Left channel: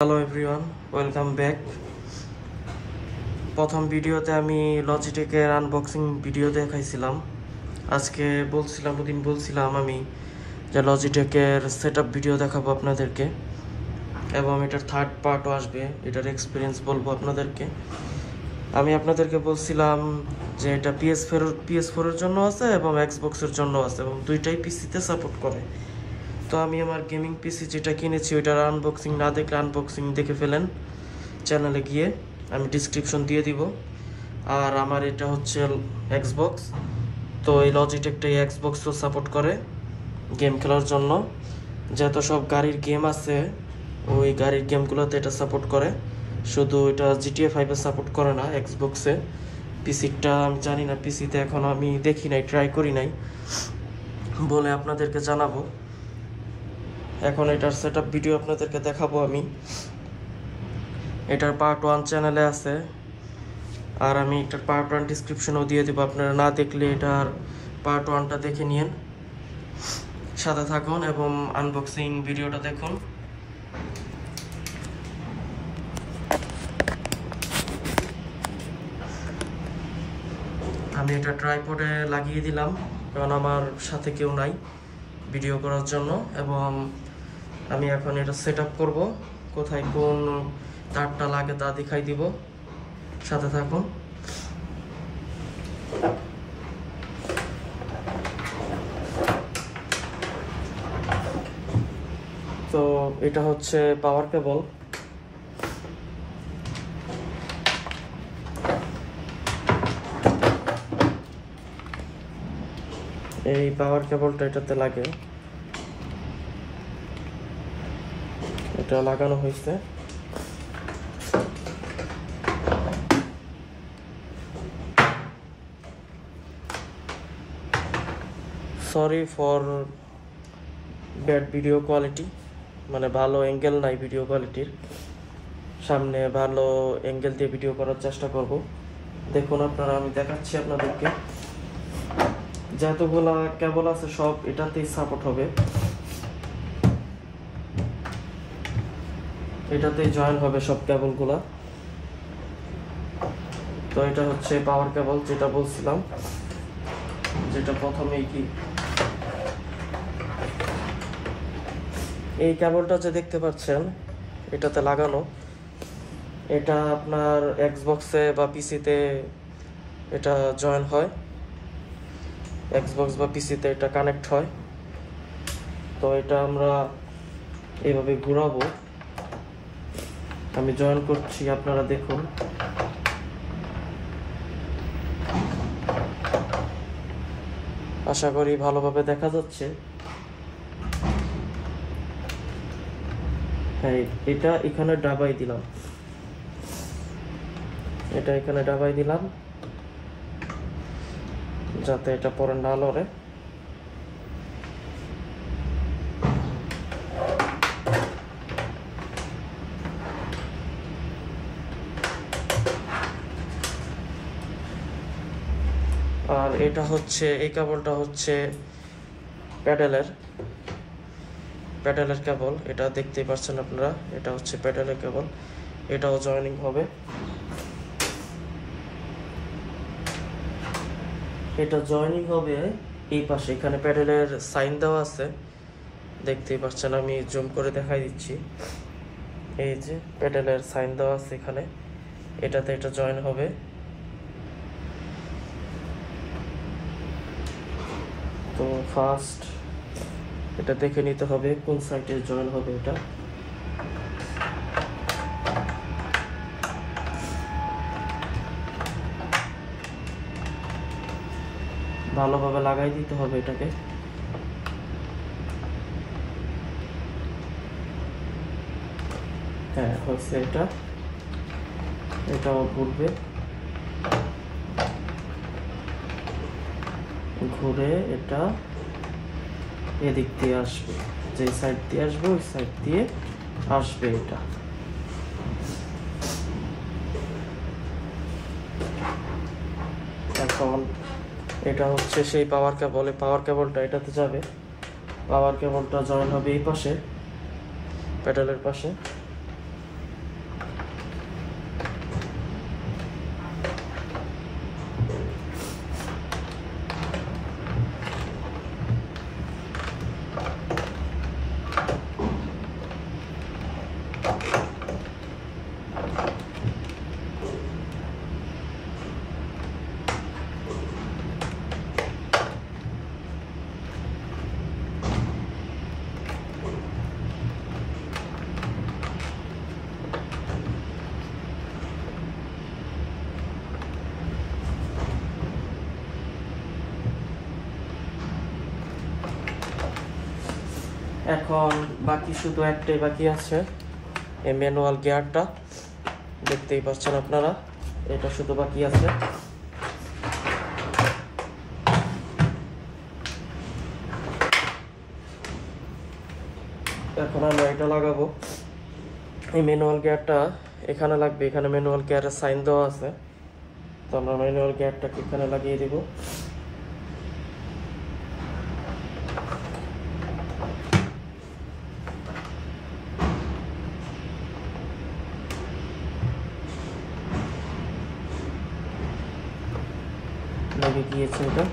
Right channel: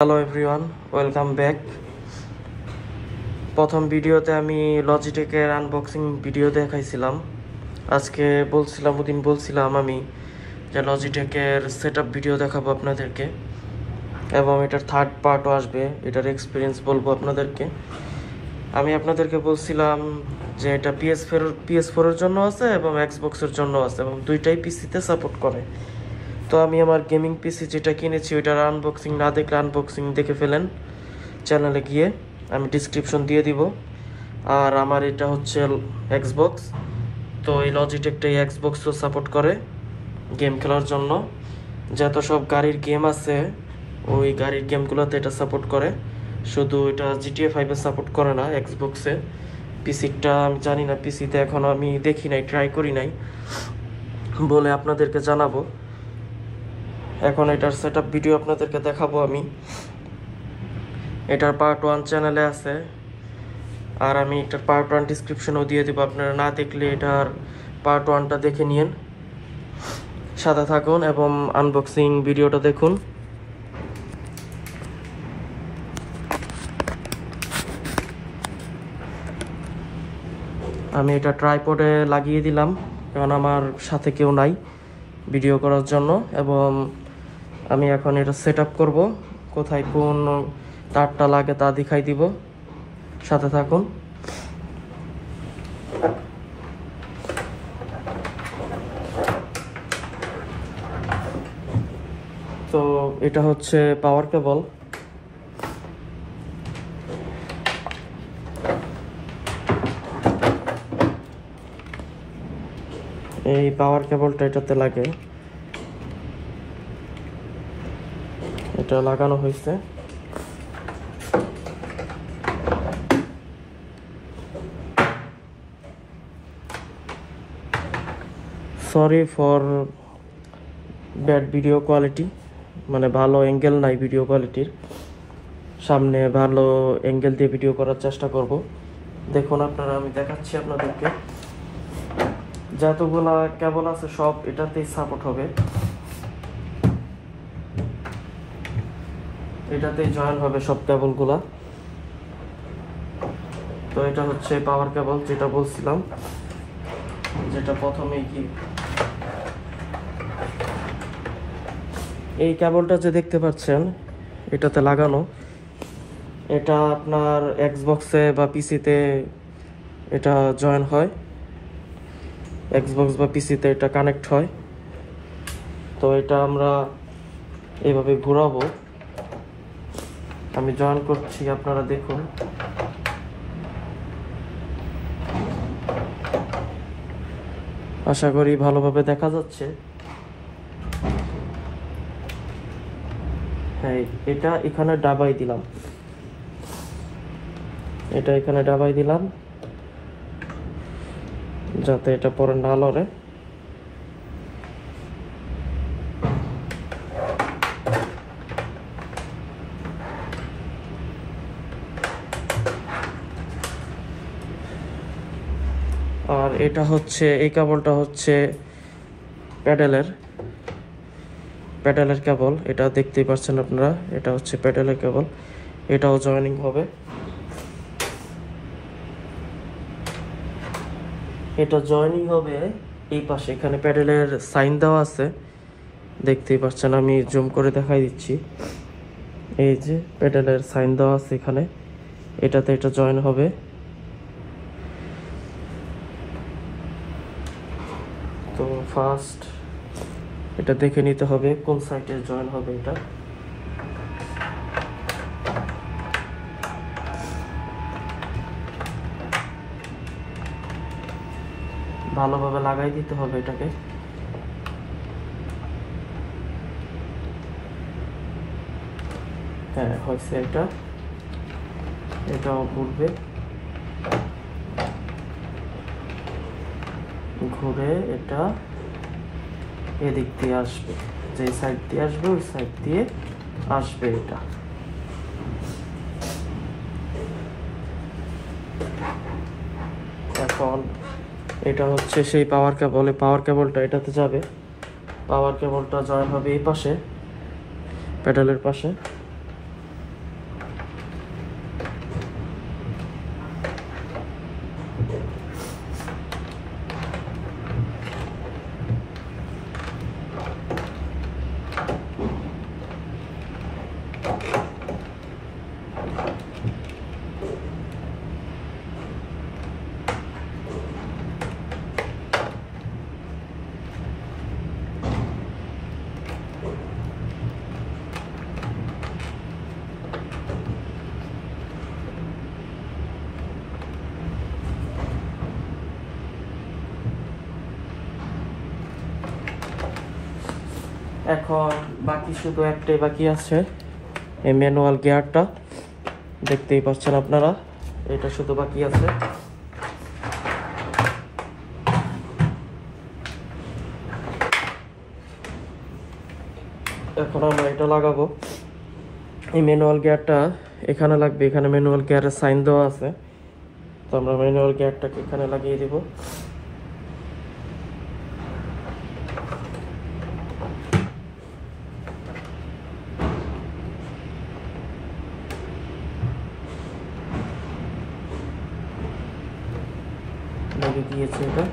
Hello everyone, welcome back. প্রথম ভিডিওতে আমি লজিটেকের আনবক্সিং ভিডিও দেখাইছিলাম। আজকে বলছিলাম আমি যে লজিটেকের সেটআপ ভিডিও দেখাবো আপনাদেরকে, এবং এটার থার্ড পার্টও আসবে। এটার এক্সপিরিয়েন্স বলবো আপনাদেরকে। আমি আপনাদেরকে বলছিলাম যে এটা PS4 এর জন্য আছে এবং এক্সবক্সের জন্য আছে, এবং দুইটাই পিসিতে সাপোর্ট করে। তো আমি আমার গেমিং পিসি যেটা কিনেছি ওইটার আনবক্সিং না দেখলে আনবক্সিং দেখে ফেলেন চ্যানেলে গিয়ে, আমি ডিসক্রিপশন দিয়ে দিব। আর আমার এটা হচ্ছে এক্সবক্স, তো এই লজিটেকটা এই এক্সবক্সও সাপোর্ট করে গেম খেলার জন্য। যত সব গাড়ির গেম আছে ওই গাড়ির গেমগুলোতে এটা সাপোর্ট করে, শুধু এটা GTA 5 এ সাপোর্ট করে না এক্সবক্সে। পিসিটা আমি জানি না, পিসিতে এখনও আমি দেখি নাই, ট্রাই করি নাই বলে আপনাদেরকে জানাবো। এখন এটার সেটআপ ভিডিও আপনাদেরকে দেখাবো আমি। এটার পার্ট 1 চ্যানেলে আছে, আর আমি এটার পার্ট 1 ডিসক্রিপশনও দিয়ে দেবো। আপনারা না দেখলে এটার পার্ট 1টা দেখে নিন, সাথে থাকুন এবং আনবক্সিং ভিডিওটা দেখুন। আমি এটা ট্রাইপডে লাগিয়ে দিলাম, কারণ আমার সাথে কেউ নাই ভিডিও করার জন্য। এবং আমি এখন এটা সেট আপ করবো, কোথায় কোন তারটা লাগে তা দেখাই দিব, সাথে থাকুন। তো এটা হচ্ছে পাওয়ার কেবল। এই পাওয়ার কেবলটা এটাতে লাগে, এটা লাগানো হয়েছে। Sorry for bad video quality, মানে ভালো অ্যাঙ্গেল নাই ভিডিও কোয়ালিটির। সামনে ভালো অ্যাঙ্গেল দিয়ে ভিডিও করার চেষ্টা করব। দেখুন আপনারা, আমি দেখাচ্ছি আপনাদেরকে। যতগুলা কেবল আছে সব এটাতেই সাপোর্ট হবে, এটাতেই জয়েন হবে সব কেবলগুলা। তো এটা হচ্ছে পাওয়ার কেবল, যেটা বলছিলাম, যেটা প্রথমেই কি এই কেবলটা যে দেখতে পাচ্ছেন এটাতে লাগানো, এটা আপনার এক্সবক্সে বা পিসিতে এটা জয়েন হয়, এক্সবক্স বা পিসিতে এটা কানেক্ট হয়। তো এটা আমরা এভাবে ঘোরাবো, আমি জয়েন করছি, আপনারা দেখুন। আশা করি ভালোভাবে দেখা যাচ্ছে। হ্যাঁ, এটা এখানে ডাবাই দিলাম, এটা এখানে ডাবাই দিলাম যাতে এটা পরে না লড়ে। আর এটা হচ্ছে, এই কেবলটা হচ্ছে প্যাডেলের কেবল, এটা দেখতেই পাচ্ছেন আপনারা, এটা হচ্ছে প্যাডেলের কেবল, এটাও জয়েনিং হবে। এটা জয়েনিং হবে এই পাশে, এখানে প্যাডেলের সাইন দেওয়া আছে, দেখতেই পাচ্ছেন, আমি জুম করে দেখাই দিচ্ছি। এই যে প্যাডেলের সাইন দেওয়া আছে এখানে, এটাতে এটা জয়েন হবে। তো ফার্স্ট এটা দেখে নিতে হবে কোন সাইডে জয়েন হবে। এটা ভালোভাবে লাগাই দিতে হবে এটাকে। হ্যাঁ, হয়েছে। এটাও ঘুরবে, ঘুরে এটা এদিক দিয়ে আসবে, যে সাইড দিয়ে আসবে ওই সাইড দিয়ে আসবে এটা। এখন এটা হচ্ছে সেই পাওয়ার কেবল, পাওয়ার কেবলটা এটাতে যাবে, পাওয়ার কেবলটা জয়েন হবে এই পাশে প্যাডেলের পাশে। এখন বাকি শুধু একটাই বাকি আছে, এই ম্যানুয়াল গিয়ারটা দেখতেই পাচ্ছেন আপনারা, এটা শুধু বাকি আছে। এখন আমরা এটা লাগাবো। এই ম্যানুয়াল গিয়ারটা এখানে লাগবে, এখানে ম্যানুয়াল গিয়ারের সাইন দেওয়া আছে, তো আমরা ম্যানুয়াল গিয়ারটাকে এখানে লাগিয়ে দেব। লেগে গিয়েছে এটা।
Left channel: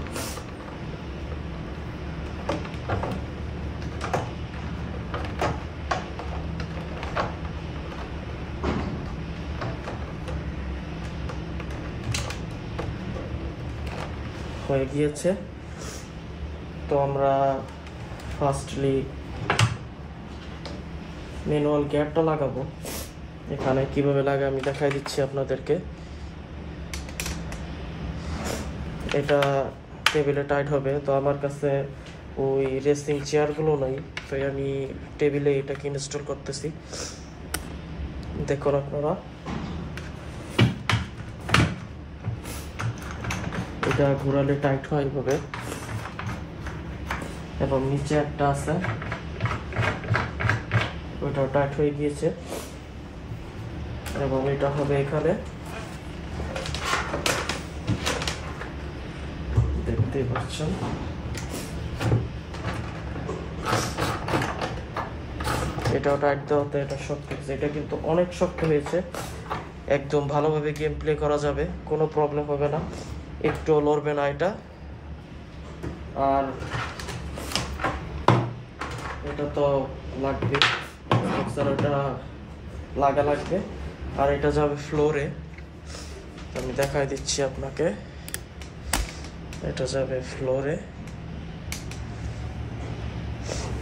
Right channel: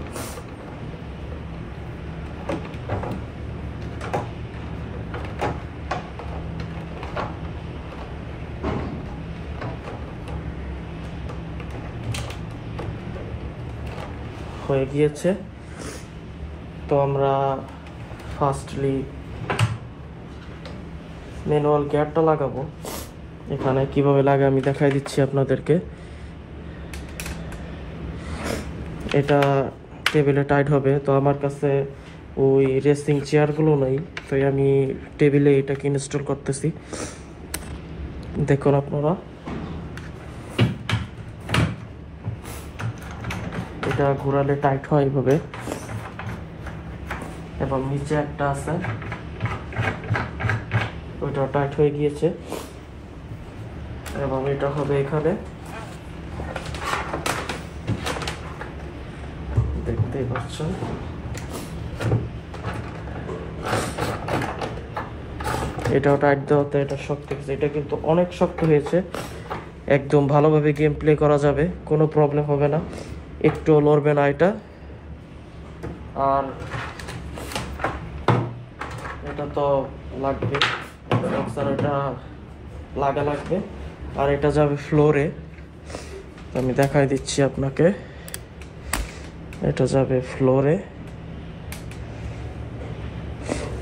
হয়ে গিয়েছে। তো আমরা ফার্স্টলি ম্যানুয়াল গিয়ারটা লাগাবো। এখানে কিভাবে লাগে আমি দেখাই দিচ্ছি আপনাদেরকে। এটা টেবিলে টাইট হবে, তো আমার কাছে ওই রেসিং চেয়ারগুলো নেই, তো আমি টেবিলে এটাকে ইনস্টল করতেছি। দেখুন আপনারা, এটা ঘোরালে টাইট হয় এইভাবে, এবং নিচে একটা আছে ওইটা টাইট হয়ে গিয়েছে, এবং এটা হবে এখানে, দেখতেই পাচ্ছেন। এটাও টাইট দেওয়াতে এটা শক্ত হয়েছে, এটা কিন্তু অনেক শক্ত হয়েছে, একদম ভালোভাবে গেম প্লে করা যাবে, কোনো প্রবলেম হবে না, একটু লড়বে না এটা। আর এটা তো লাগবে, এটা লাগবে, আর এটা যাবে ফ্লোরে। আমি দেখাই দিচ্ছি আপনাকে, এটা যাবে ফ্লোরে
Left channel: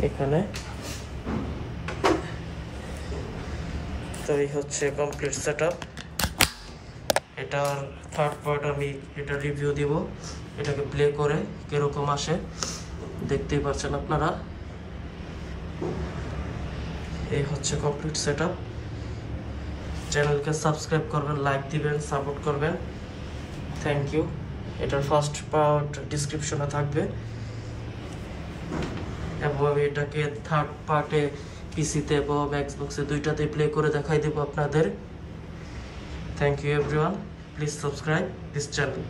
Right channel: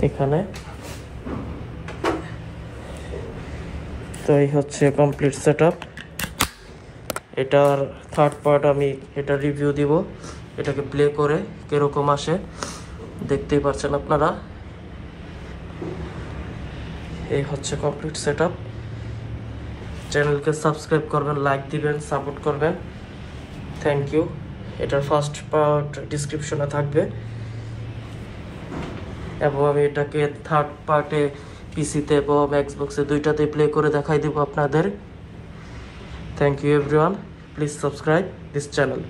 এখানে। তো এই হচ্ছে কমপ্লিট সেটআপ। এটার থার্ড পার্ট আমি এটা রিভিউ দিব, এটাকে প্লে করে কিরকম আসে দেখতেই পাচ্ছেন আপনারা। এই হচ্ছে কমপ্লিট সেটআপ। চ্যানেলকে সাবস্ক্রাইব করবেন, লাইক দিবেন, সাপোর্ট করবেন। Thank you. এটার ফার্স্ট পার্ট ডিসক্রিপশনে থাকবে, এবং আমি এটাকে থার্ড পার্টে পিসিতে এবং এক্সবক্সে দুইটাতে প্লে করে দেখাই দেব আপনাদের। Thank you everyone, please subscribe this channel.